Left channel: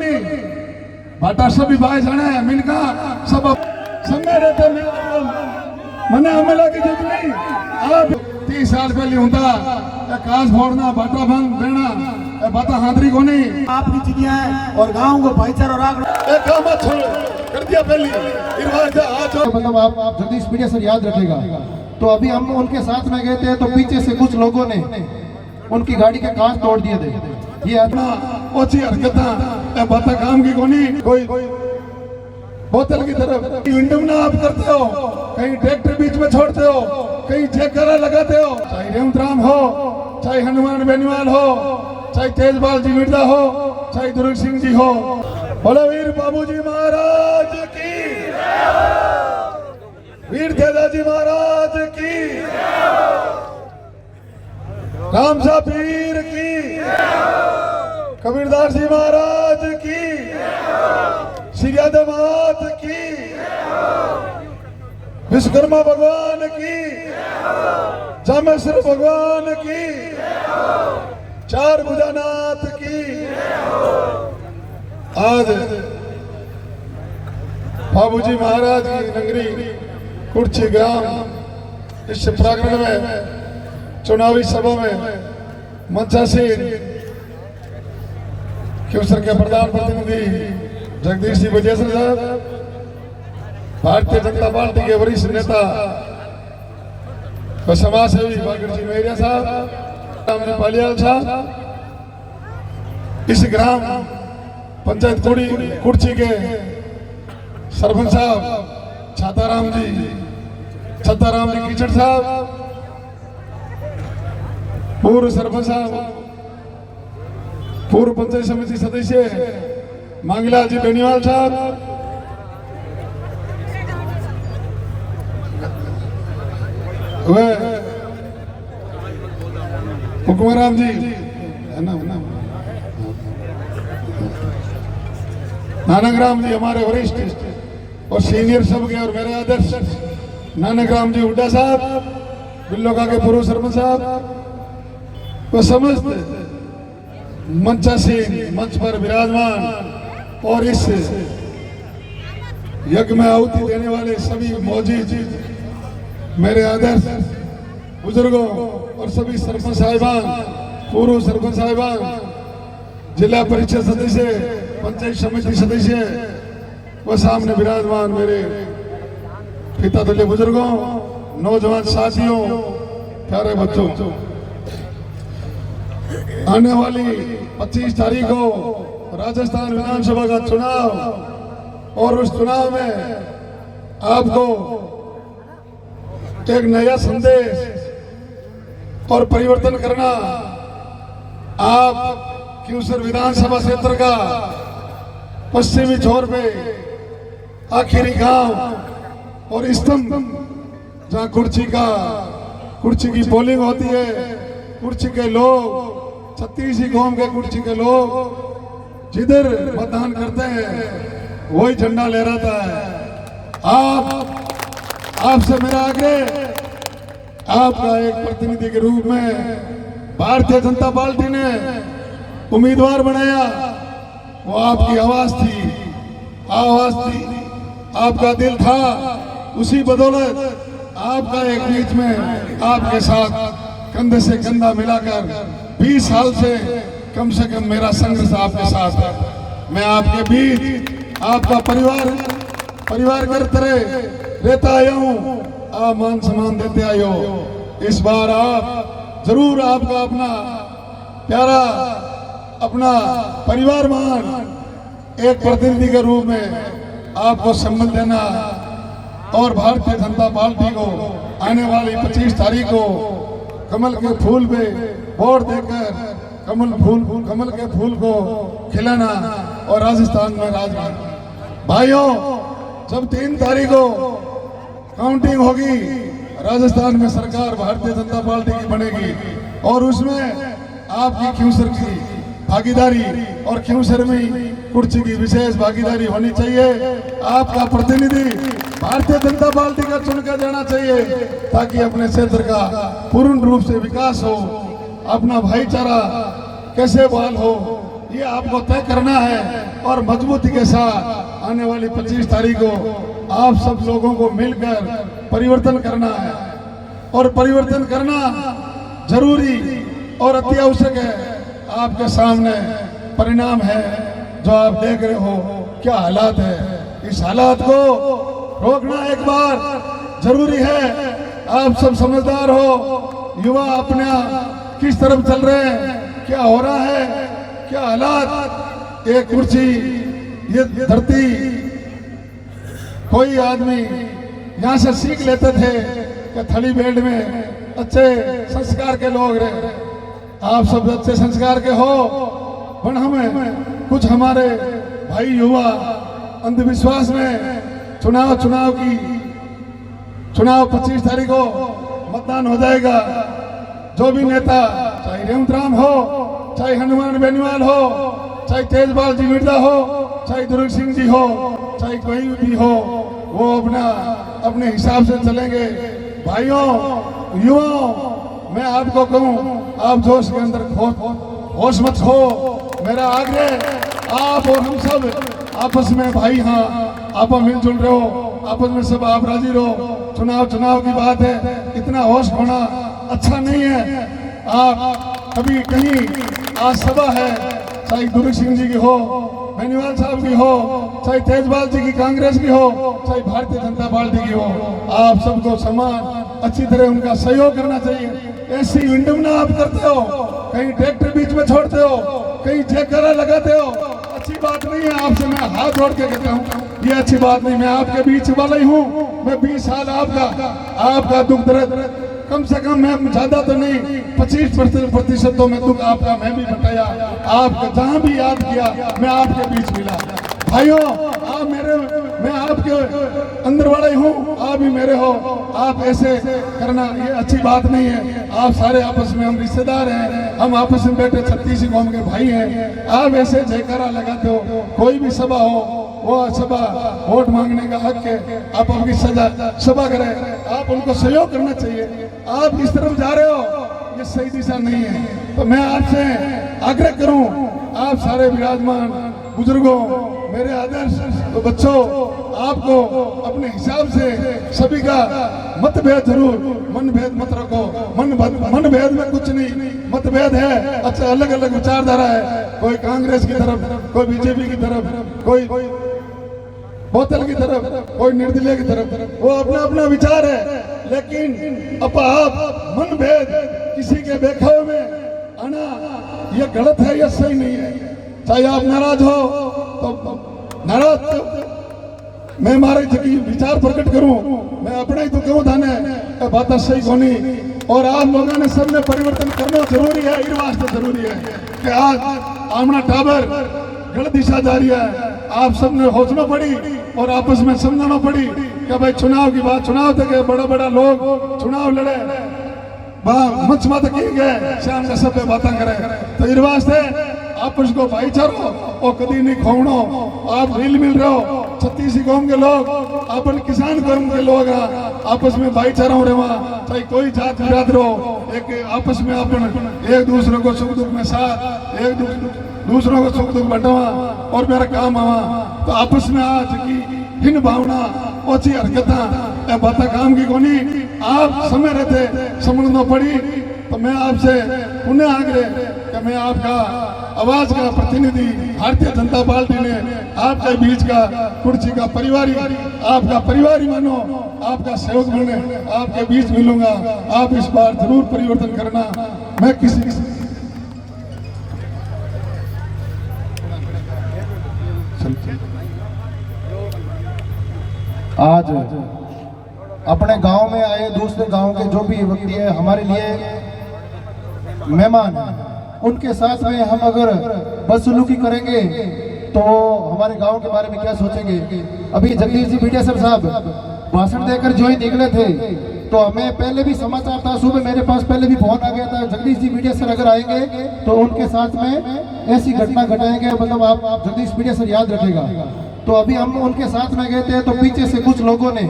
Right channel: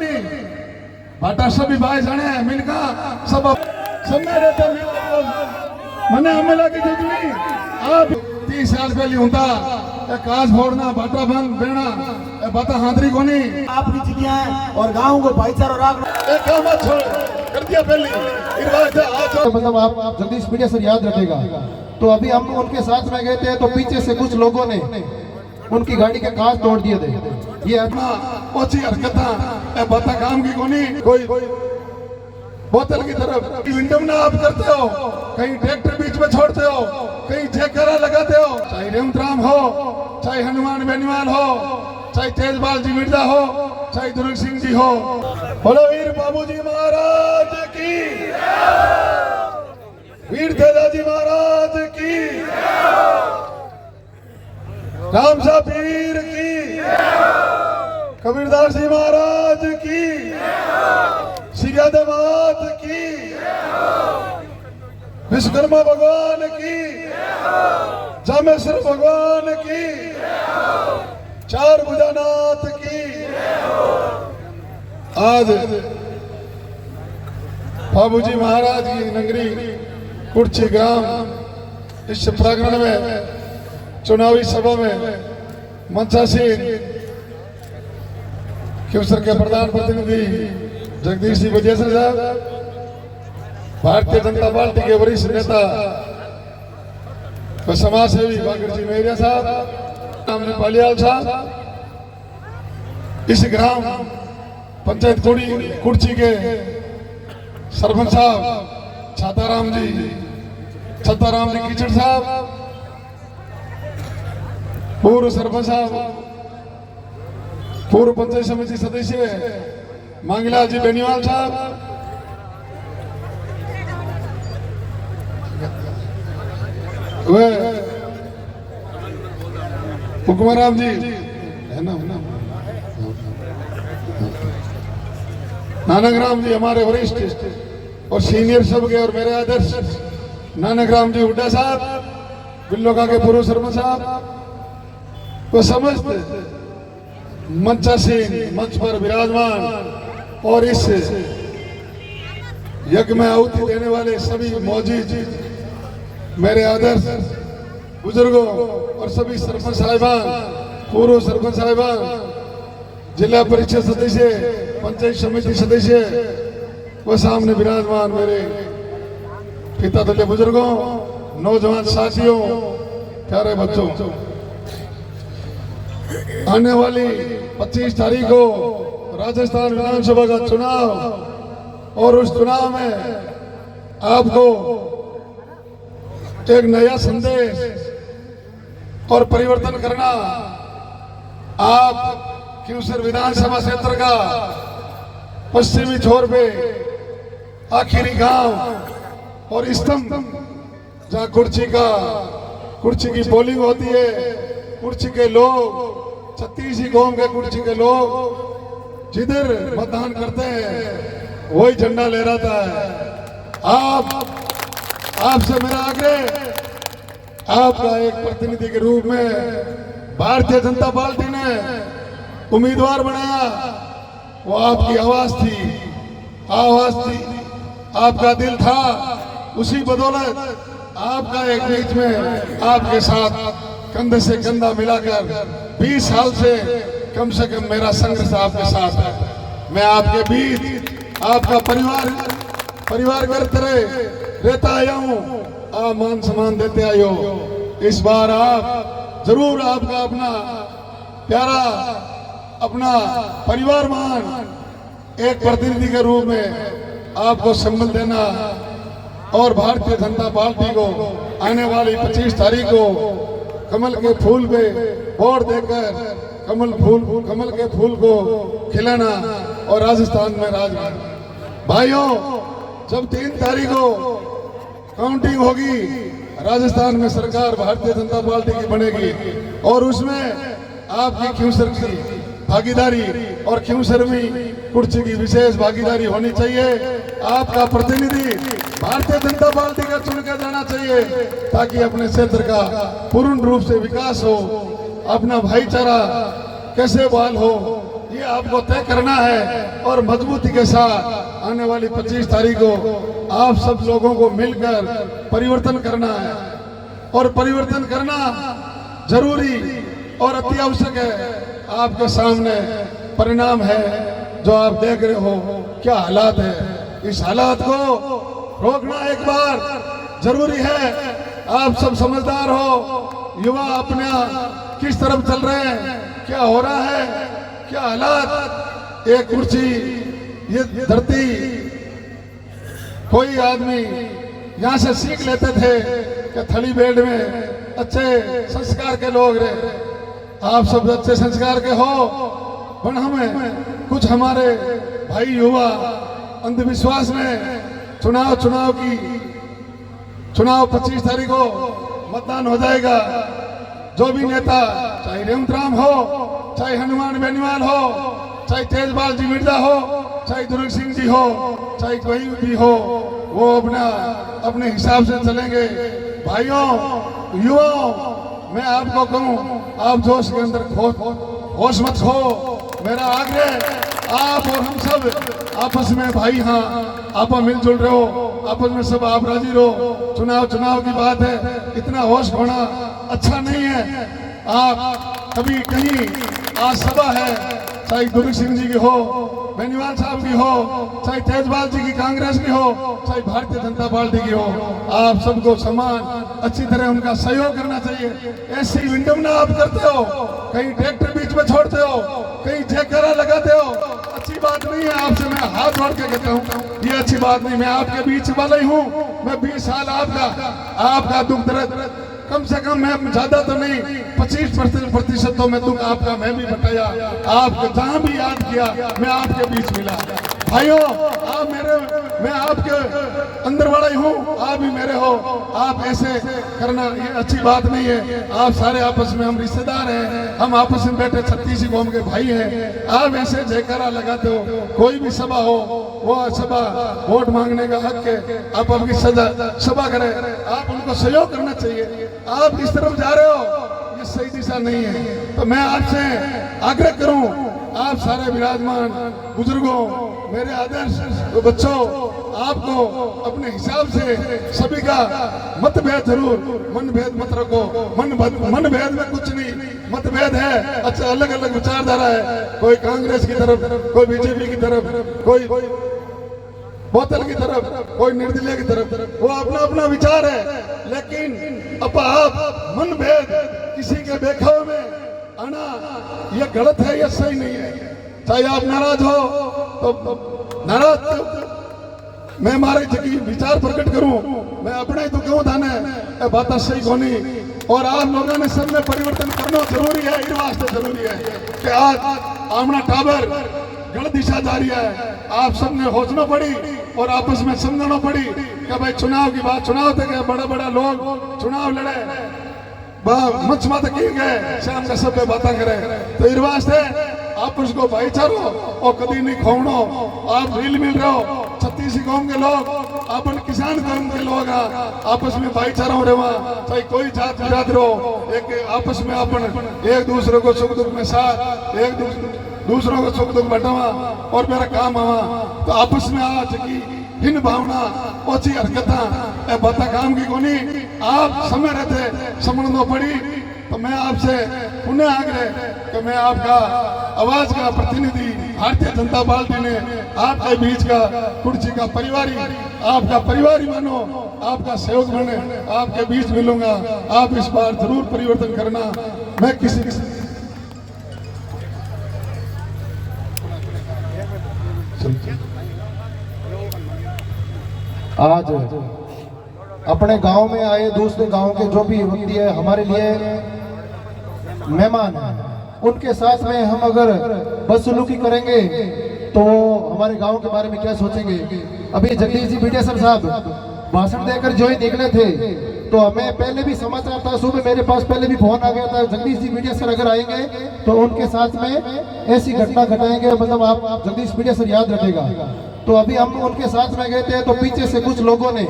कोनी बाटा सभी भाई जाने मिनका सब मेरे पे मने हमला की जितनी आप 30 साल पहले हुंदा काज फोड़ना बाटा भंग बेना बाटा हांदरी कोनी आपकी चिड़िया है और गांव को भाईचारा रखना एक काम मत छोड़ कर दिया पहले रिवाज है आज मतलब आप जगदीश मीडिया सर याद रखेगा। तो अभी हम उनके साथ में गए थे तो पीछे से कुछ लोगों ने उनकी गाड़ी के कांच तोड़ दिए थे। ये अपना ओछी हरकत बाता काम की कोनी कोई बोतल की तरफ विंडम ना आप करते हो, कहीं ट्रैक्टर बीच में छोड़ते हो, कहीं ठेकरा लगाते हो, चाहे रेवंत राम हो, चाहे हनुमान बेनीवाल हो, चाहे तेजपाल जी मिर्जा हो, चाहे दुर्ग सिंह जी हो। बोलो वीर बाबूजी महाराज की, वीर तेजाजी महाराज की, रामसा पीर की, कबीरदास जी महाराज की, सियादमात की, विश्वकर्मा भगवान की, जामेश्वर भगवान की, चार भुजानाथ की। आज बाबूजी महाराज की नगरी कुर्ची ग्राम इस प्रांगण में चुनावी सभा में मंचासीन क्यूसर के प्रधान प्रतिनिधि जगदीश जी बजेसर साहब, भारतीय जनता पार्टी के वरिष्ठ नेता व समाज सेवी बागर जी मेहरिया साहब, पालियाल साहब, इस ग्राम पंचायत कुर्ची के सरपंच साहब छाताराम जी कीचड़ साहब, पूर्व सरपंच साहब, पूर्व पंचायत समिति सदस्य मांगीलाल जी बेनीवाल साहब, हुक्मराम जी है ना नानकराम जी हमारे वरिष्ठ और सीनियर सब के और मेरे आदर्श नानकराम जी हुड्डा साहब, बिल्लोका के पूर्व सरपंच साहब, वो समस्त मंचासीन मंच पर विराजमान और इस यज्ञ में आहुति देने वाले सभी मौजूद मेरे आदर्श बुजुर्गों और सभी सरपंच साहिबान, पूर्व सरपंच साहिबान, जिला परिषद सदस्य, पंचायत समिति सदस्य, वो सामने विराजमान मेरे पिता तुल्य बुजुर्गों, नौजवान साथियों, प्यारे बच्चों, आने वाली 25 तारीख को राजस्थान विधानसभा का चुनाव और उस चुनाव में आपको एक नया संदेश और परिवर्तन करना, आप क्यूसर विधानसभा क्षेत्र का पश्चिमी छोर पे आखिरी गांव और स्तंभ जहां कुर्ची की पोलिंग होती है, कुर्ची के लोग 36 गांव के कुर्ची के लोग जिधर मतदान करते हैं वही झंडा लहराता है। आपसे मेरा आग्रह, आपका एक प्रतिनिधि के रूप में भारतीय जनता पार्टी ने उम्मीदवार बनाया, वो आपकी आवाज थी, आपका दिल था, उसी बदौलत आपका एक बीच में आपके साथ कंधे से कंधा मिलाकर 20 साल से कम मेरा संघर्ष आपके साथ है। मैं आपके बीच आपका परिवार करते रहता आया हूँ, आप मान सम्मान देते आए हो। इस बार आप जरूर आपका अपना प्यारा अपना परिवार मान एक प्रतिनिधि के रूप में आपको सम्मान देना और भारतीय जनता पार्टी को आने वाली 25 तारीख को कमल के फूल पे वोट देकर कमल के फूल को खिलाना और राजस्थान में राज करना। भाइयों, जब 3 तारीख को काउंटिंग होगी, राजस्थान में सरकार भारतीय जनता पार्टी की बनेगी और उसमें आपकी क्यूसर की भागीदारी और क्यूसर में कुर्सी की विशेष भागीदारी होनी चाहिए। आपका प्रतिनिधि भारतीय जनता पार्टी का चुनकर जाना चाहिए ताकि अपने क्षेत्र का पूर्ण रूप से विकास हो, अपना भाईचारा कैसे बहाल हो, ये आपको तय करना है और मजबूती के साथ आने वाली 25 तारीख को आप सब लोगों को मिलकर परिवर्तन करना है और परिवर्तन करना जरूरी और अति आवश्यक है। आपके सामने परिणाम है जो आप देख रहे हो, क्या हालात है। इस हालात को रोकना एक बार जरूरी है। आप सब समझदार हो, युवा अपना किस तरफ चल रहे हैं, क्या हो रहा है, क्या हालात। एक कुर्सी, ये धरती, कोई आदमी यहाँ से सीख लेते थे कि थली बेल्ट में अच्छे संस्कार के लोग रहे। आप सब अच्छे संस्कार के हो, पर हमें कुछ हमारे भाई युवा अंधविश्वास में चुनाव 25 तारीख को मतदान हो जाएगा। जो भी नेता, चाहे रेवंत राम हो, चाहे हनुमान बेनीवाल हो, चाहे तेजपाल जी मिर्जा हो, चाहे दुर्ग सिंह जी हो, चाहे कोई भी हो, वो अपने हिसाब से चलेंगे। भाइयों, युवाओं, मैं आपको कहूं, आप जोश के अंदर होश मत खो। मेरा आग्रह, आप और हम सब आपस में भाई, हाँ आप मिलजुल रहे हो, आपस में सब आप राजी रहो। चुनाव की बात है, इतना होश होना अच्छा नहीं है। आप कभी कहीं आज सभा है, चाहे दुर्ग सिंह जी की हो, बेनीवाल साहब की हो, चाहे तेजपाल जी की कांग्रेस की हो, चाहे भारतीय जनता पार्टी की हो, आप सबको समान अच्छी तरह उनका सहयोग करना चाहिए। ऐसी विडंबना आप करते हो, कहीं ट्रैक्टर बीच में छोड़ते हो, कहीं जयकारा लगाते हो, अच्छी बात नहीं है। आपसे मैं हाथ जोड़ के कहता हूँ, ये अच्छी बात नहीं। मैं आपके बीच वाला ही हूँ। मैं 20 साल आपका दुख दर्द, कम से कम मैं ज्यादा तो नहीं, 25% तो मैं दुख आपका मैं भी बटाया। आप जहाँ भी याद किया, मैं आपके बीच मिला। भाइयों, मैं आपके अंदर वाला ही हूँ, आप भी मेरे हो। आप ऐसे करना ये अच्छी बात नहीं है। आप सारे आपस में, हम रिश्तेदार हैं, हम आपस में बैठे 36 कौम के भाई हैं। आप ऐसे जयकारा लगाते हो, कोई भी सभा हो, वो सभा वोट मांगने का हक है। आप आपकी सभा करें, आप उनको सहयोग करना चाहिए। आप इस तरफ जा रहे हो, ये सही दिशा नहीं है। तो मैं आपसे आग्रह करूं, आप सारे विराजमान बुजुर्गों, मेरे आदर्श तो बच्चों, आपको अपने हिसाब से सभी का मतभेद जरूर, मनभेद मत रखो। मनभेद में कुछ नहीं, मतभेद है, अच्छा अलग अलग विचारधारा है। कोई कांग्रेस की तरफ, कोई बीजेपी की तरफ, कोई बोतल की तरफ, कोई निर्दलीय की तरफ, वो अपना अपना विचार है। लेकिन अब आप मनभेद किसी के बेखाव में आना, ये गलत है, ये सही नहीं है। चाहे आप नाराज हो तो नाराज, मैं मारे जगी विचार प्रकट करूं, मैं अपने ही तो क्यों थाने बात सही कोनी। और आप लोगों ने सबने परिवर्तन करना जरूरी है। इस वास्ते जरूरी है कि आज आमना टाबर गलत दिशा जा रही है। आप सबने सोचना पड़ी और आपस में समझना पड़ी कि भाई चुनाव की बात, चुनाव तक बड़ा लोग चुनाव लड़े, मच मत किए गए, शाम का सब बातें करे। तो इस वास्ते आपस को भाईचारो और कभी नहीं खोवनो। आप मिल रहे हो, 36 कौम के लोग, अपन किसान कौम के लोग, आपस में भाईचारा हो रहा, चाहे कोई जात बिरादर हो, एक आपस में अपन एक दूसरे को सुख दुख में साथ, एक दूसरों को सुख दुख बटावा और मेरा काम आवा। तो आपस में आज की भिन्न भावना, ओछी हरकत बात काम की कोनी, आप समय रहते समझना पड़ी। तो मैं आपसे पुनः आग्रह कि मैं आपका आवाज का प्रतिनिधि, भारतीय जनता पार्टी ने आपके बीच का कुर्सी का परिवारी, आपका परिवारी मानो, आपका सहयोग बने, आपके बीच मिलूंगा। आप इस बार जरूर परिवर्तन करना। मैं किसी आज अपने गांव में आए दूसरे गांव के जो भी व्यक्ति है, हमारे लिए मेहमान हैं, उनके साथ में हम अगर बदसलूकी करेंगे तो हमारे गांव के बारे में क्या सोचेंगे। अभी जगदीश जी मीडिया सर साहब भाषण देकर जो ही निकले थे, तो हमें पहले भी समाचार था, सुबह मेरे पास पहले भी फोन आ गया था, जगदीश जी मीडिया सर अगर आएंगे तो उनके साथ में ऐसी घटना घटाएंगे, मतलब आप जगदीश मीडिया सर याद रखेगा। तो अभी हम उनके साथ में गए थे, तो पीछे से कुछ लोगों ने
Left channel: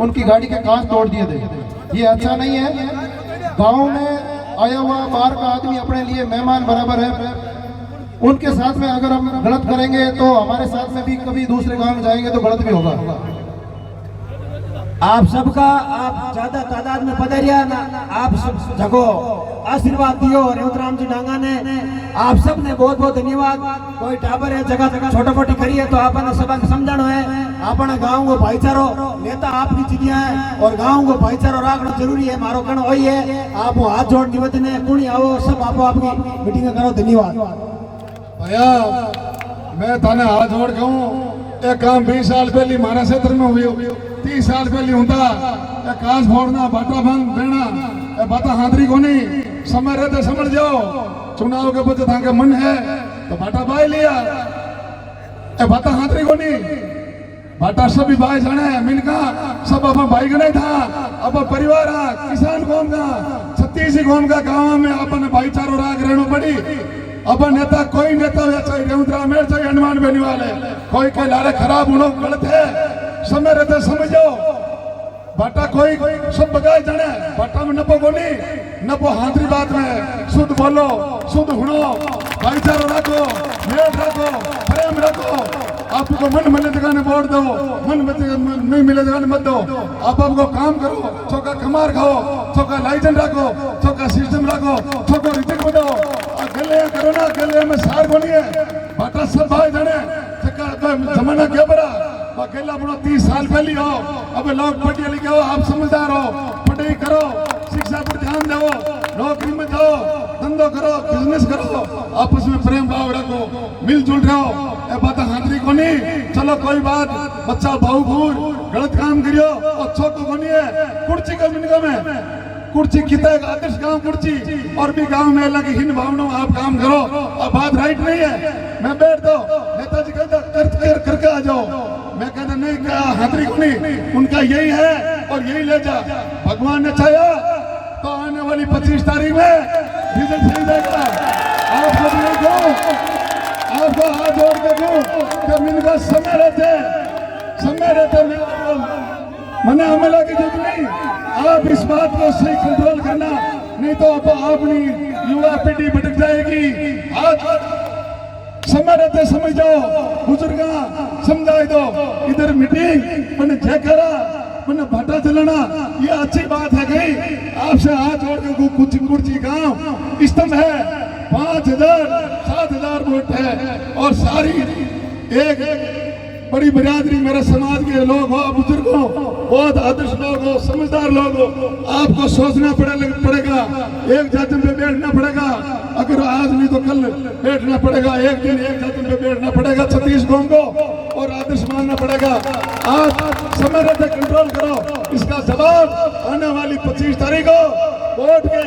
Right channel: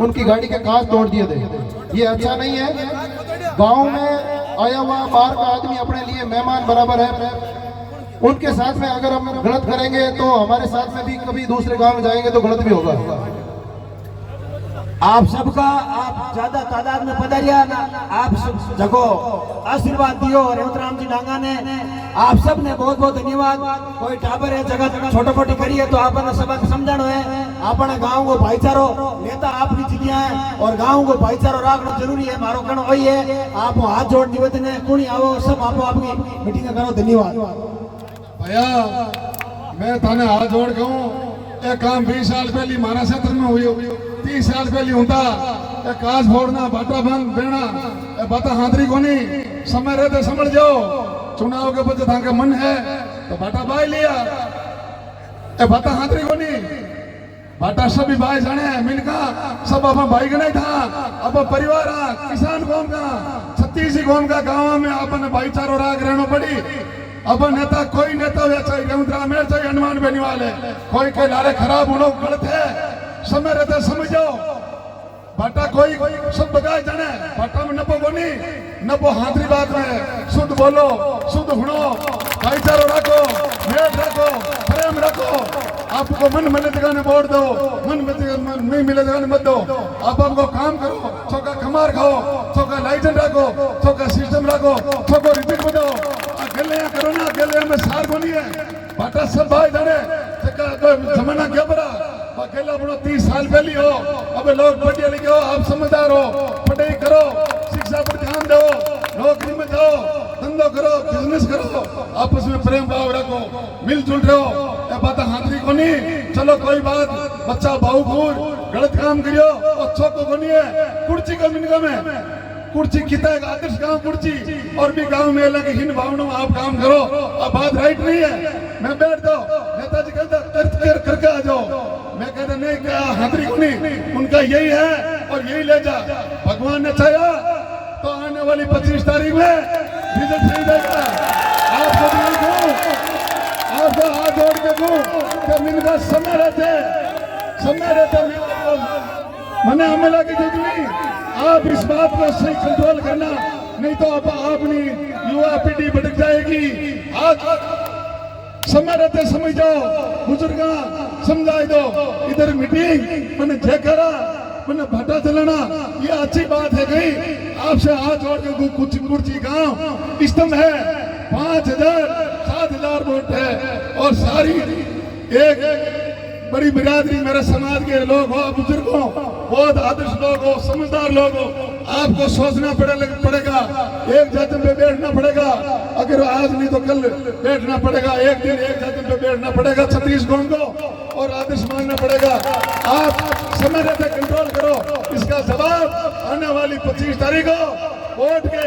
उनकी गाड़ी के कांच तोड़ दिए थे। ये अच्छा नहीं है। गाँव में आया हुआ बाहर का आदमी अपने लिए मेहमान बराबर है, उनके साथ में अगर हम गलत करेंगे तो हमारे साथ में भी कभी दूसरे गांव में जाएंगे तो गलत भी होगा। आप सबका आप ज्यादा तादाद में पधारिया ना, आप सब जगो आशीर्वाद दियो रेवतराम जी डांगा ने, आप सब ने बहुत बहुत धन्यवाद। कोई टाबर है जगह छोटा मोटी करी है तो आपने सब समझानो है, अपने गांव को भाईचारो नेता आपकी चिड़िया है और गांव को भाईचारो रखना जरूरी है। मारो कहना वही है, आप हाथ जोड़ दिवत ने कुणी आओ सब आप आपकी मीटिंग करो। धन्यवाद भैया मैं थाने हाथ जोड़ के हूँ, एक काम 20 साल पहले महाराज क्षेत्र में हुई, 30 साल पहले होता काश फोड़ना बाटा भंग बेना बाता हाथरी कोनी समय रहते समझ जाओ। चुनाव के बच्चे था मन है तो बाटा बाई लिया, बाता हाथरी कोनी बाटा सभी भाई जाने मिलका सब अब भाई का नहीं था, अब परिवार किसान कौन का 36 कौन का गाँव में अपन भाईचारो राग रहना पड़ी। अब नेता कोई नेता हो चाहे रेवतराम मेर चाहे हनुमान बेनीवाल है, कोई के लारे खराब होना गलत है, समय रहते समझो। बाटा कोई सब बगाए जाने, बाटा में नपो कोनी नपो हाथरी बात में शुद्ध बोलो शुद्ध हुनो भाईचारो रखो मेल रखो प्रेम रखो। आपको मन मिले जगह ने वोट दो, मन नहीं मिले जगह ने मत दो। आप आपको काम करो, चौका कमार खाओ, चौका लाइसेंस रखो, चौका सिस्टम रखो, चौका रिपीट बताओ। गले करो ना, गले में सार बोनी है बाटा सब भाई जाने जमाना क्या बड़ा अकेला बनो 30 साल पहले हो। अब लोग पढ़े लिखे हो, आप समझदार हो, पढ़ाई करो, शिक्षा पर ध्यान दो, नौकरी में जाओ, धंधो करो, बिजनेस करो, आपस में प्रेम भाव रखो, मिलजुल रहो। ये बात हाथरी को नहीं, चलो कोई बात बच्चा भाव घूर गलत काम करियो और छोको को नहीं है। कुर्सी का मिनका में कुर्सी कितना आदर्श गांव कुर्सी और भी गांव में अलग हिन भावना आप काम करो। अब बात राइट नहीं है, मैं बैठ दो नेताजी कहता करके आ जाओ, मैं कहते नहीं क्या हाथरी को नहीं, उनका यही है और यही ले जा। भगवान ने चाहा तो आने वाली 25 तारीख में रिजल्ट सही देगा। आपको हाथ जोड़ के दूं इनका समय रहते मैंने हमला की जरूरत नहीं। आप इस बात को सही कंट्रोल करना, नहीं तो अपनी युवा पीढ़ी भटक जाएगी। हाथ समय रहते समझ जाओ, बुजुर्गा समझाए दो। इधर मीटिंग मैंने जयकारा मैंने भाटा चलाना ये अच्छी बात है। कहीं आपसे हाथ जोड़ के कुछ कुर्सी गांव स्तंभ है, 5000 7000 वोट है और सारी एक बड़ी बिरादरी मेरे समाज के लोग हो, बुजुर्ग हो, बहुत आदर्श लोग हो, समझदार लोग हो। आपको सोचना पड़ेगा, एक जातन पे बैठना पड़ेगा। अगर आज नहीं तो कल बैठना पड़ेगा, एक दिन एक जातन पे बैठना पड़ेगा 36 गांव को और आदर्श मानना पड़ेगा। आप समय रहते कंट्रोल करो। इसका जवाब आने वाली 25 तारीख को वोट के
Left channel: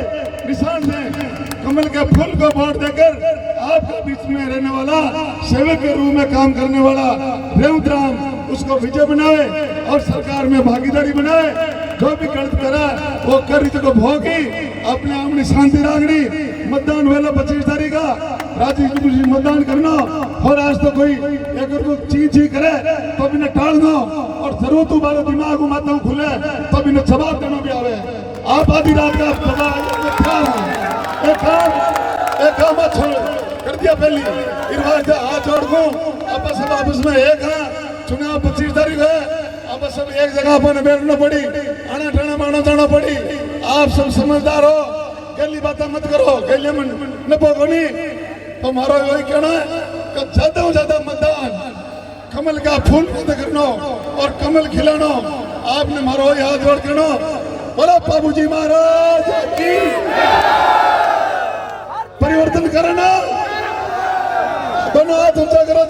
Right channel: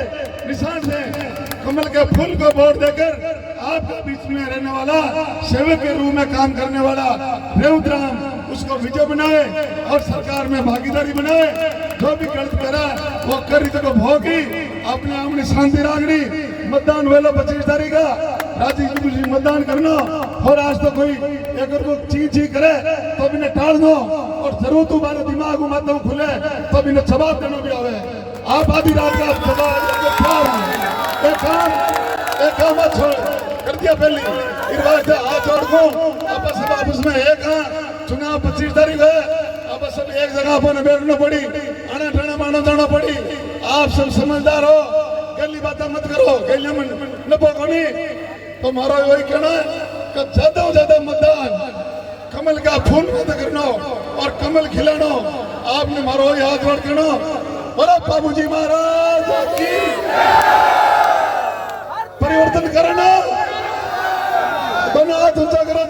निशान से कमल के फूल को वोट देकर आपके बीच में रहने वाला सेवक के रूप में काम करने वाला रेवतराम उसको विजय बनाए और सरकार में भागीदारी बनाए। जो भी गलत करा वो कर को भोगी अपने अपनी शांति रागनी। मतदान वेला 25 तारीख का राजी जी मतदान करना। और आज तो कोई अगर वो चीज करे तो इन्हें टाल दो और जरूर तुम्हारा दिमाग मत खुले तब इन्हें जवाब देना भी आवे। आप आधी रात का जवाब एक काम छोड़ कर दिया पहली हाथ जोड़ को आपस में एक चुनाव 25 तारीख है। अब सब एक जगह पर बैठना पड़ी, आना ठाना माना जाना पड़ी। आप सब समझदार हो, गली बातें मत करो, गली में न बोगोनी। तो हमारा वही कहना है कि ज्यादा से ज्यादा मतदान कमल का फूल मत करना और कमल खिलाना। आपने हमारा वही हाथ जोड़ करना। बोलो बाबूजी महाराज की परिवर्तन करना। दोनों हाथ ऊंचा करो।